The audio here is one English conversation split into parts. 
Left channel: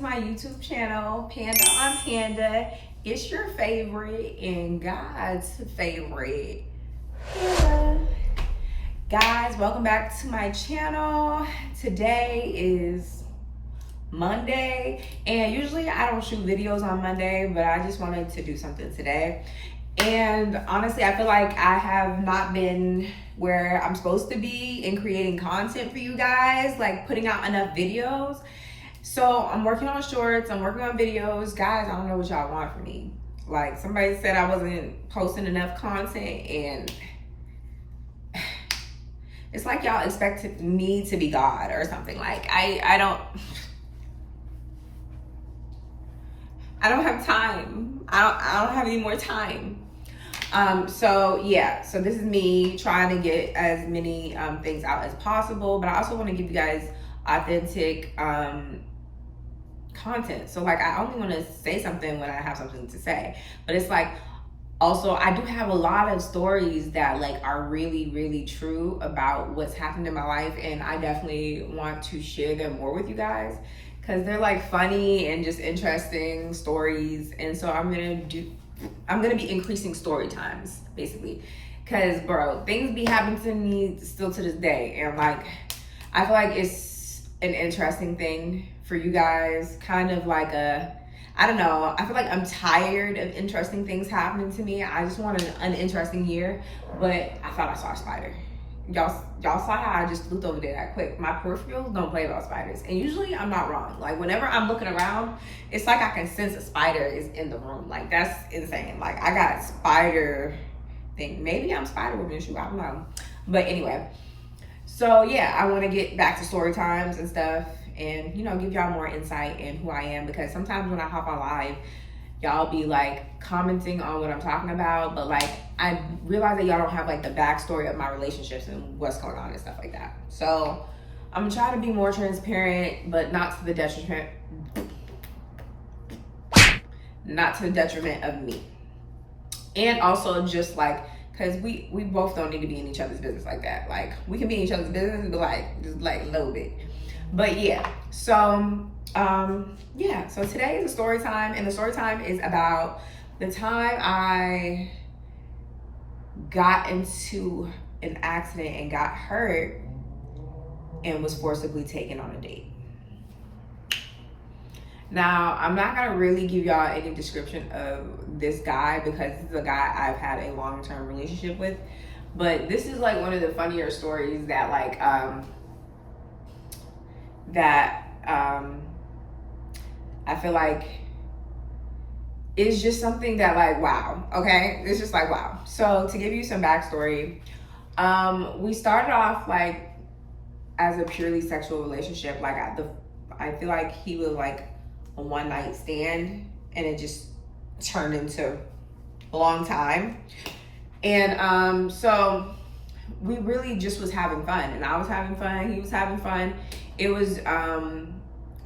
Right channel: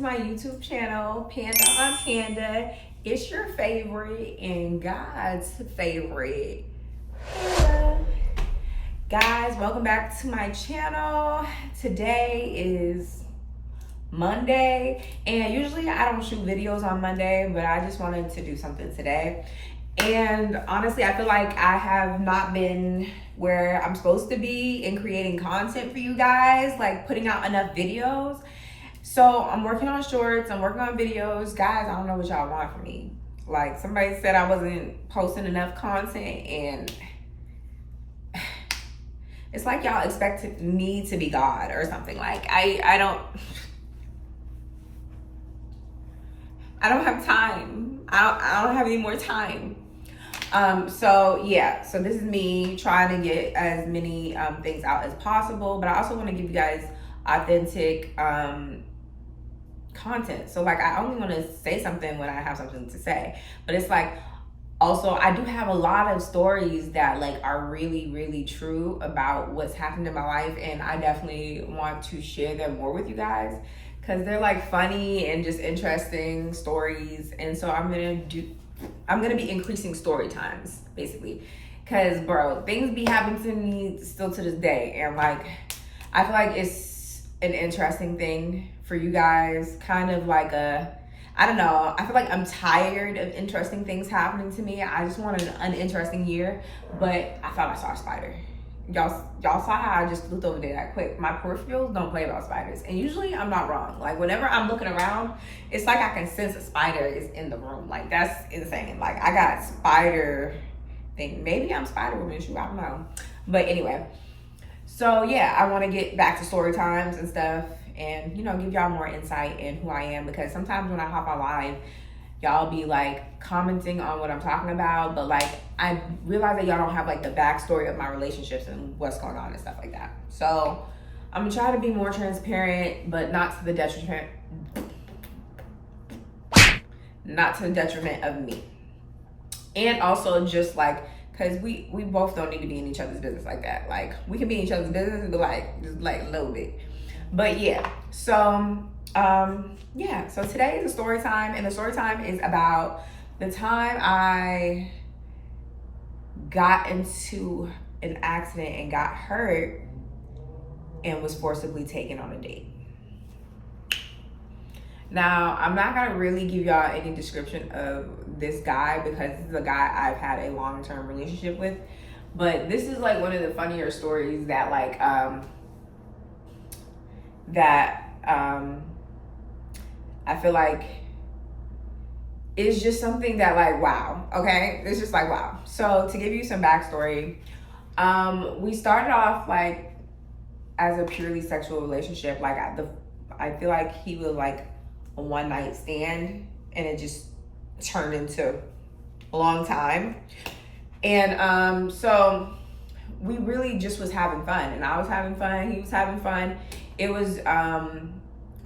to my YouTube channel, Panda on Panda. It's your favorite and God's favorite Panda. Guys, welcome back to my channel. Today is Monday, and usually I don't shoot videos on Monday, but I just wanted to do something today. And honestly, I feel like I have not been where I'm supposed to be in creating content for you guys, like putting out enough videos. So I'm working on shorts, I'm working on videos. Guys, I don't know what y'all want from me. Like, somebody said I wasn't posting enough content, and it's like y'all expect me to be God or something. Like, I don't have time. I don't have any more time. So yeah, so this is me trying to get as many things out as possible, but I also want to give you guys authentic content. So like, I only want to say something when I have something to say, but it's like, also I do have a lot of stories that like are really, really true about what's happened in my life, and I definitely want to share them more with you guys because they're like funny and just interesting stories. And so I'm gonna be increasing story times basically, because bro, things be happening to me still to this day, and like I feel like it's an interesting thing for you guys, kind of like I don't know, I feel like I'm tired of interesting things happening to me. I just want an uninteresting year, but I thought I saw a spider. Y'all saw how I just looked over there that quick. My peripherals don't play about spiders, and usually I'm not wrong. Like, whenever I'm looking around, it's like I can sense a spider is in the room. Like, that's insane. Like, I got spider thing. Maybe I'm Spider Woman, shoot, I don't know. But anyway, so yeah, I want to get back to story times and stuff, and you know, give y'all more insight in who I am, because sometimes when I hop on live, y'all be like commenting on what I'm talking about, but like I realize that y'all don't have like the backstory of my relationships and what's going on and stuff like that. So I'm gonna try to be more transparent, but not to the detriment of me. And also just like, cause we both don't need to be in each other's business like that. Like, we can be in each other's business, but like just like a little bit. But yeah, so yeah, so today is a story time, and the story time is about the time I got into an accident and got hurt and was forcibly taken on a date. Now, I'm not gonna really give y'all any description of this guy because this is a guy I've had a long-term relationship with, but this is like one of the funnier stories that like I feel like it's just something that like, wow, okay? It's just like, wow. So to give you some backstory, we started off like as a purely sexual relationship. Like, I feel like he was like a one night stand, and it just turned into a long time. And so we really just was having fun, and I was having fun, he was having fun. It was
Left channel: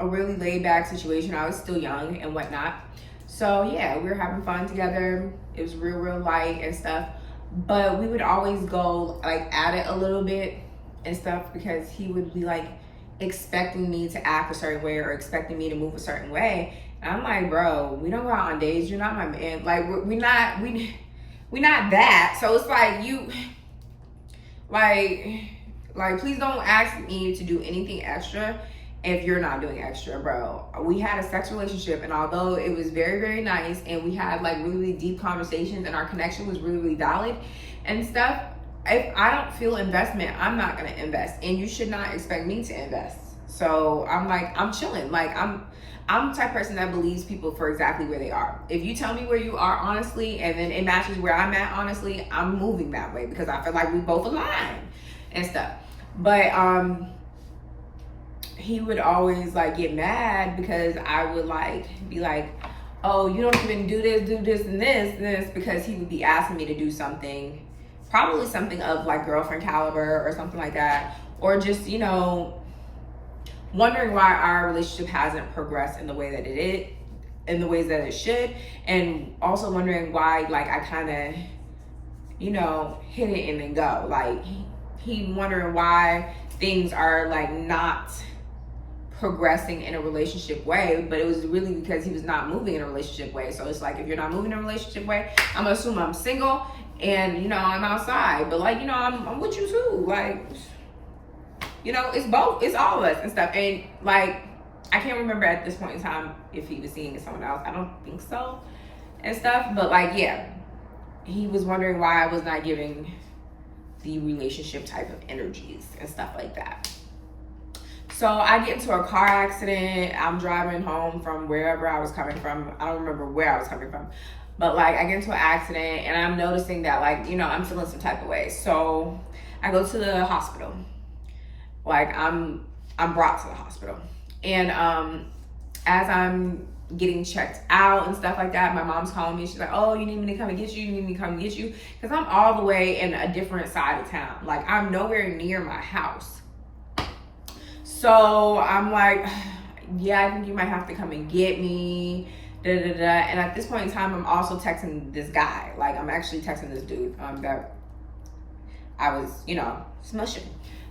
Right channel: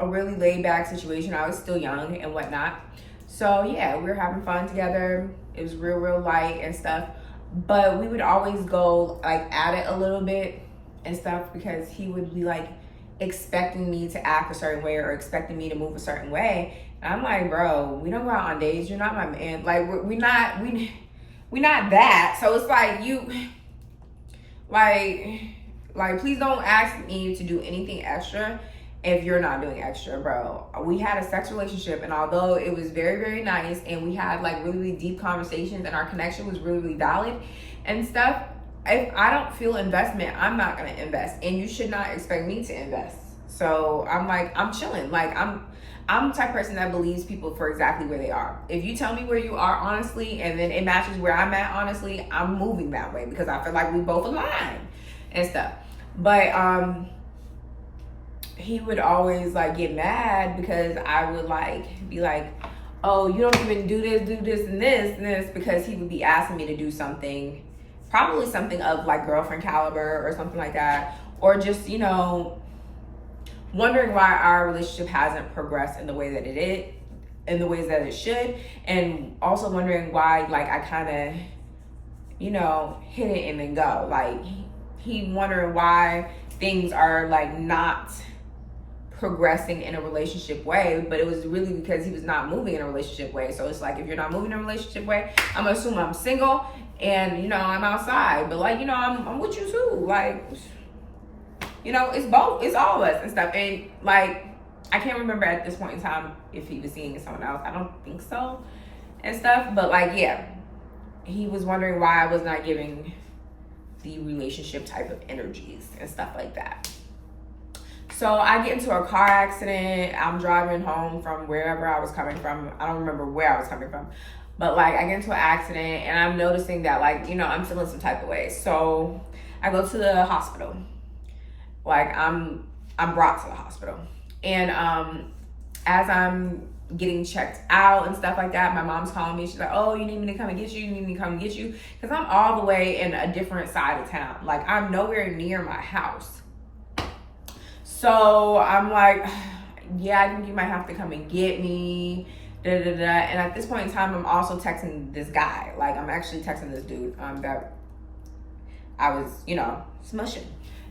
a really laid back situation. I was still young and whatnot. So yeah, we were having fun together. It was real light and stuff. But we would always go like at it a little bit and stuff, because he would be like expecting me to act a certain way or expecting me to move a certain way. And I'm like, bro, we don't go out on dates. You're not my man. Like, we're not that. So it's like, you like please don't ask me to do anything extra if you're not doing extra, bro. We had a sex relationship, and although it was very nice, and we had like really deep conversations, and our connection was really valid and stuff, if I don't feel investment, I'm not gonna invest, and you should not expect me to invest. So I'm like, I'm chilling. Like, I'm the type of person that believes people for exactly where they are. If you tell me where you are honestly, and then it matches where I'm at honestly, I'm moving that way, because I feel like we both align and stuff. But he would always like get mad because I would like be like, oh, you don't even do this and this, because he would be asking me to do something, probably something of like girlfriend caliber or something like that, or just, you know, wondering why our relationship hasn't progressed in the way that in the ways that it should, and also wondering why like I kind of, you know, hit it and then go. Like, he wondering why things are like not progressing in a relationship way, but it was really because he was not moving in a relationship way. So it's like, if you're not moving in a relationship way, I'm gonna assume I'm single and, you know, I'm outside, but like, you know, I'm with you too. Like, you know, it's both, it's all of us and stuff. And like, I can't remember at this point in time if he was seeing someone else. I don't think so and stuff, but like, yeah, he was wondering why I was not giving the relationship type of energies and stuff like that. So I get into a car accident. I'm driving home from wherever I was coming from. I don't remember where I was coming from, but like, I get into an accident and I'm noticing that, like, you know, I'm feeling some type of way. So I go to the hospital. Like, I'm brought to the hospital. And as I'm getting checked out and stuff like that, my mom's calling me. She's like, oh, you need me to come and get you? You need me to come and get you? Because I'm all the way in a different side of town. Like, I'm nowhere near my house. So I'm like, yeah, I think you might have to come and get me. Da, da, da. And at this point in time, I'm also texting this guy. Like, I'm actually texting this dude that I was, you know, smushing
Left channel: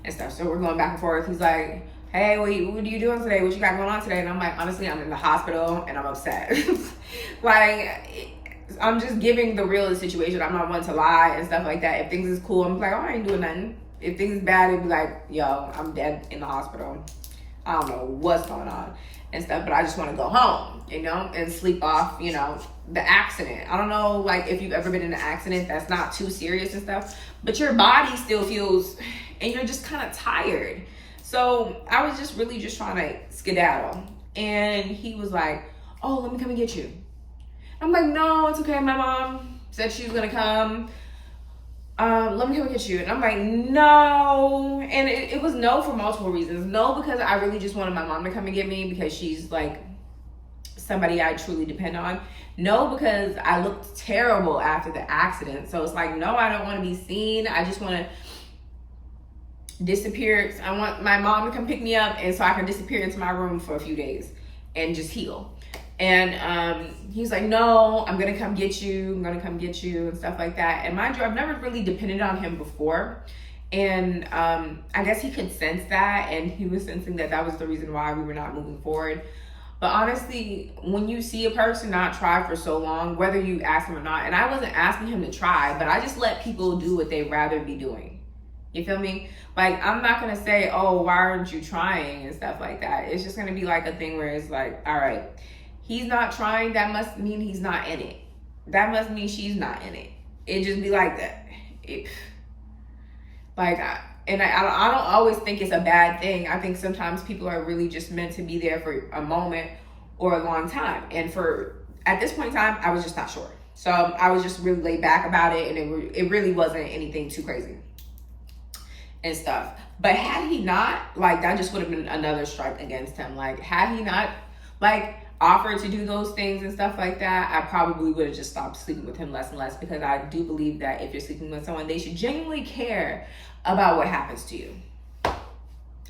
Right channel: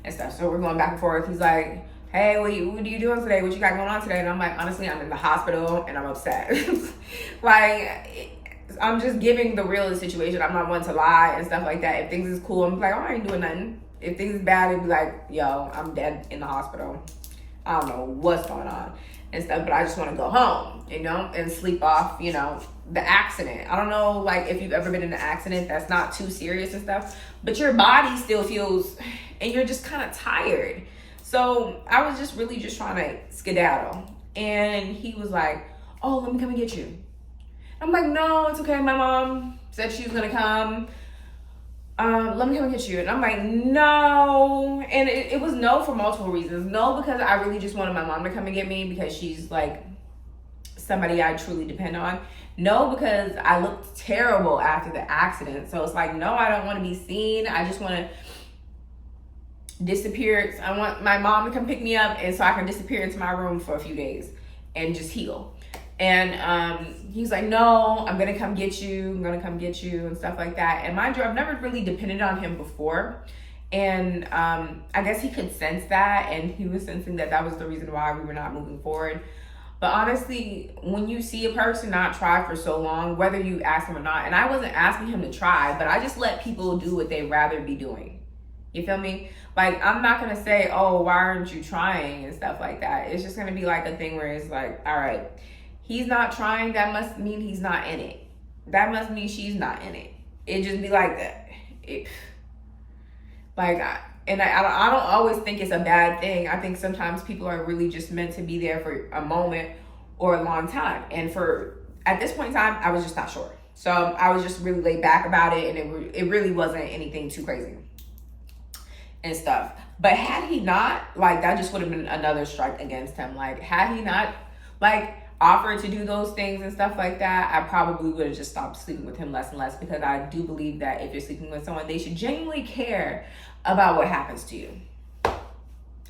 and stuff. So we're going back and forth. He's like, hey, what are you doing today? What you got going on today? And I'm like, honestly, I'm in the hospital and I'm upset. Like, I'm just giving the real situation. I'm not one to lie and stuff like that. If things is cool, I'm like, oh, I ain't doing nothing. If things is bad, it'd be like, yo, I'm dead in the hospital. I don't know what's going on and stuff, but I just want to go home, you know, and sleep off, you know, the accident. I don't know, like, if you've ever been in an accident that's not too serious and stuff, but your body still feels, and you're just kind of tired. So I was just really just trying to skedaddle. And he was like, oh, let me come and get you. I'm like, no, it's okay. My mom said she was going to come. Let me come and get you. And I'm like, no. And it was no for multiple reasons. No, because I really just wanted my mom to come and get me because she's like somebody I truly depend on. No, because I looked terrible after the accident. So it's like, no, I don't want to be seen. I just want to disappear. I want my mom to come pick me up and so I can disappear into my room for a few days and just heal. And he's like, no, I'm gonna come get you. I'm gonna come get you and stuff like that. And mind you, I've never really depended on him before. And I guess he could sense that, and he was sensing that that was the reason why we were not moving forward. But honestly, when you see a person not try for so long, whether you ask them or not, and I wasn't asking him to try, but I just let people do what they'd rather be doing. You feel me? Like, I'm not gonna say, oh, why aren't you trying and stuff like that. It's just gonna be like a thing where it's like, all right, he's not trying, that must mean he's not in it. That must mean she's not in it. It just be like that. I don't always think it's a bad thing. I think sometimes people are really just meant to be there for a moment or a long time. And at this point in time, I was just not sure. So I was just really laid back about it, and it really wasn't anything too crazy and stuff. But had he not, like, that just would have been another strike against him. Like, had he not, like, offered to do those things and stuff like that, I probably would have just stopped sleeping with him less and less, because I do believe that if you're sleeping with someone, they should genuinely care about what happens to you.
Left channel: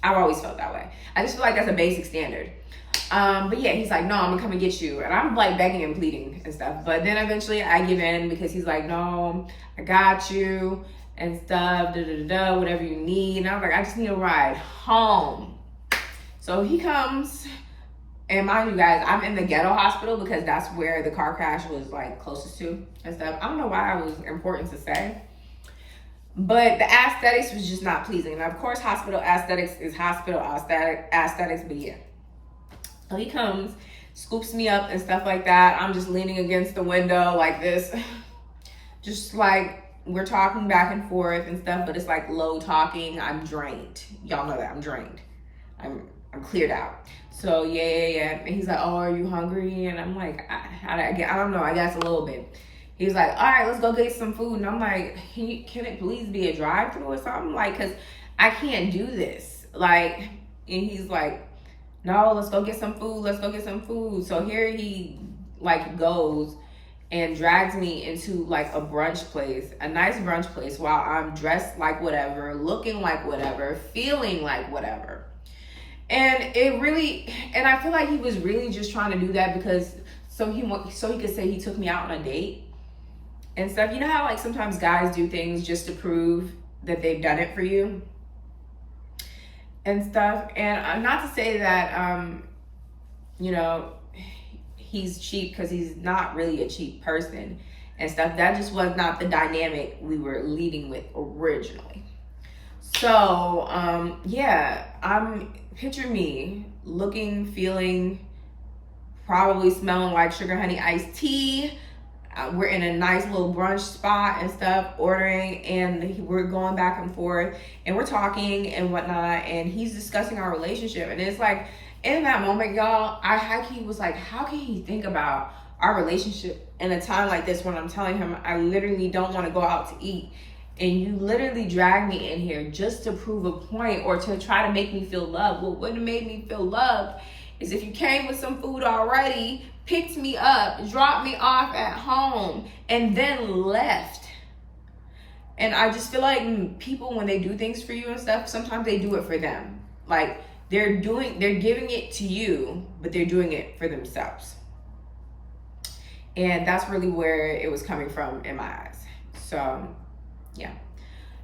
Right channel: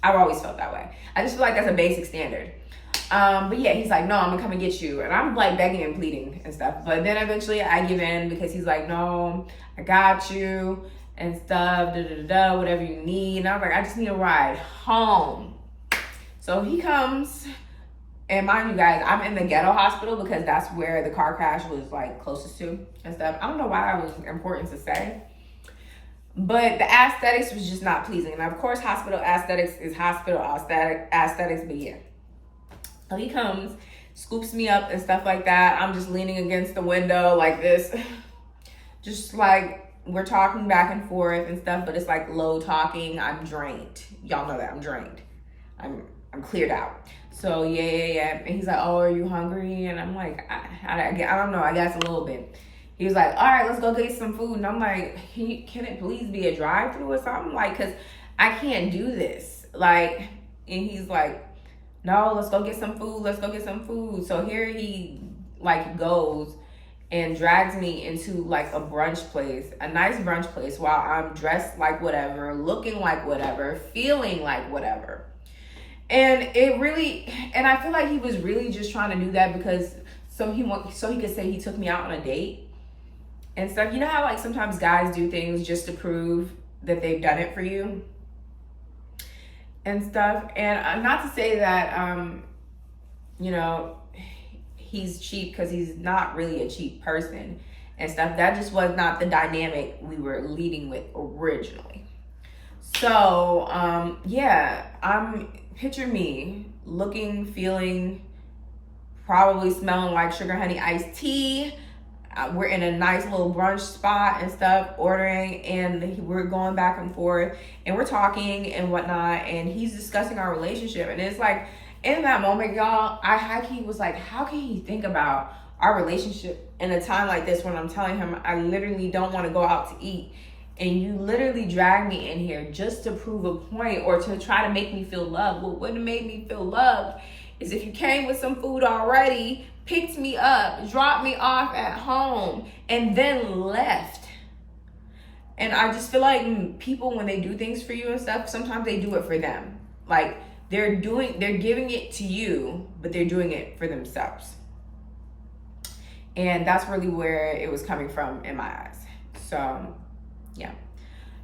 I've always felt that way. I just feel like that's a basic standard. But yeah, he's like, no, I'm gonna come and get you. And I'm like begging and pleading and stuff. But then eventually I give in, because he's like, no, I got you and stuff, whatever you need. And I was like, I just need a ride home. So he comes. And mind you guys, I'm in the ghetto hospital because that's where the car crash was like closest to and stuff. I don't know why it was important to say, but the aesthetics was just not pleasing. And of course, hospital aesthetics is hospital aesthetics, but yeah. So he comes, scoops me up and stuff like that. I'm just leaning against the window like this, just like we're talking back and forth and stuff, but it's like low talking. I'm drained. Y'all know that I'm drained. I'm cleared out. So yeah. And he's like, oh, are you hungry? And I'm like, I don't know. I guess a little bit. He was like, all right, let's go get some food. And I'm like, can it please be a drive-through or something? Like, cause I can't do this. Like, and he's like, no, let's go get some food. Let's go get some food. So here he like goes and drags me into like a brunch place, a nice brunch place, while I'm dressed like whatever, looking like whatever, feeling like whatever. And I feel like he was really just trying to do that because so he could say he took me out on a date and stuff. You know how like sometimes guys do things just to prove that they've done it for you? and stuff. And not to say that, you know, he's cheap, because he's not really a cheap person and stuff. That just was not the dynamic we were leading with originally. So, yeah, picture me looking, feeling, probably smelling like sugar honey iced tea. We're in a nice little brunch spot and stuff, ordering, and we're going back and forth, and we're talking and whatnot, and he's discussing our relationship. And it's like, in that moment, y'all, he was like, how can he think about our relationship in a time like this, when I'm telling him I literally don't want to go out to eat, and you literally drag me in here just to prove a point or to try to make me feel loved. What would have made me feel loved is if you came with some food already, picked me up, dropped me off at home, and then left. And I just feel like people, when they do things for you and stuff, sometimes they do it for them. Like, they're giving it to you, but they're doing it for themselves. And that's really where it was coming from in my eyes. So, yeah.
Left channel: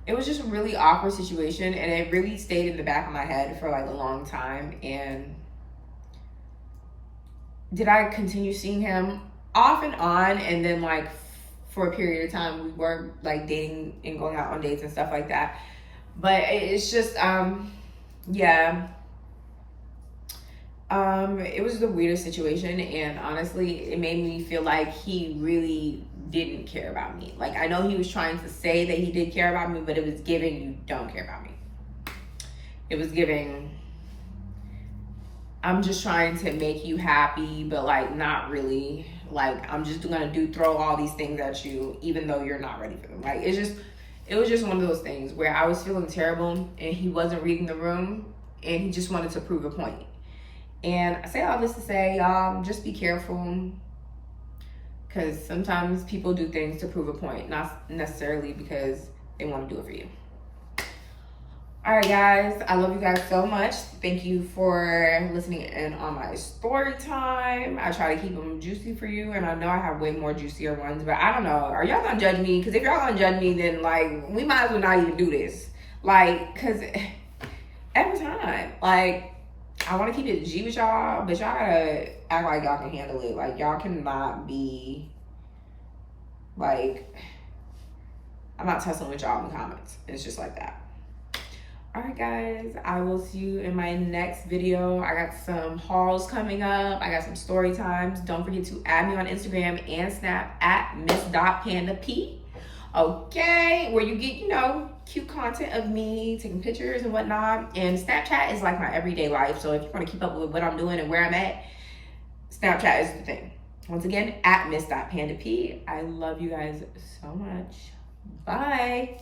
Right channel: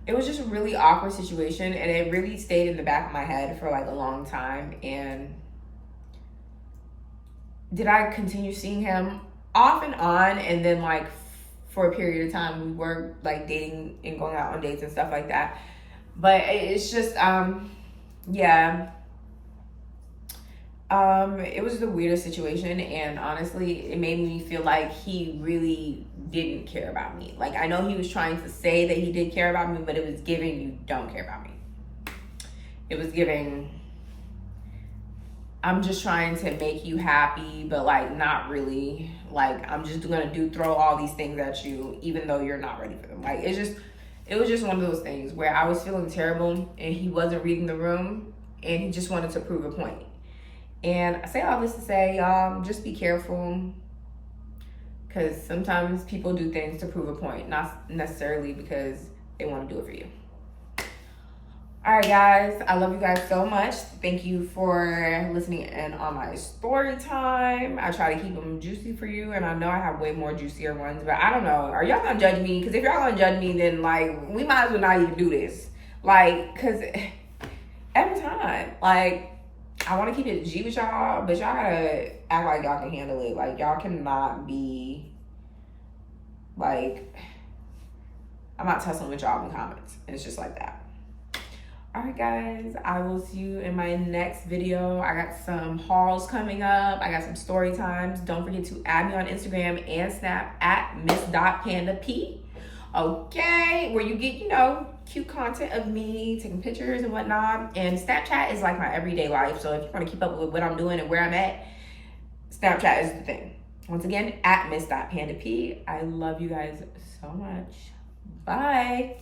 It was just a really awkward situation, and it really stayed in the back of my head for like a long time. And did I continue seeing him off and on, and then like for a period of time we were like dating and going out on dates and stuff like that. But it's just yeah, it was the weirdest situation, and honestly it made me feel like he really didn't care about me. Like, I know he was trying to say that he did care about me, but it was giving, you don't care about me. It was giving, I'm just trying to make you happy, but like not really. Like, I'm just gonna throw all these things at you even though you're not ready for them. Like, it was just one of those things where I was feeling terrible, and he wasn't reading the room, and he just wanted to prove a point. And I say all this to say, just be careful, because sometimes people do things to prove a point, not necessarily because they want to do it for you. All right, guys, I love you guys so much. Thank you for listening in on my story time. I try to keep them juicy for you, and I know I have way more juicier ones, but I don't know. Are y'all gonna judge me? Because if y'all gonna judge me, then like, we might as well not even do this. Like, because every time, like, I want to keep it G with y'all, but y'all gotta act like y'all can handle it. Like, y'all cannot be like, I'm not tussling with y'all in the comments. It's just like that. All right, guys, I will see you in my next video. I got some hauls coming up. I got some story times. Don't forget to add me on Instagram and Snap at miss.pandap. Okay, where you get, you know, cute content of me taking pictures and whatnot. And Snapchat is like my everyday life. So if you want to keep up with what I'm doing and where I'm at, Snapchat is the thing. Once again, at miss.pandap. I love you guys so much. Bye.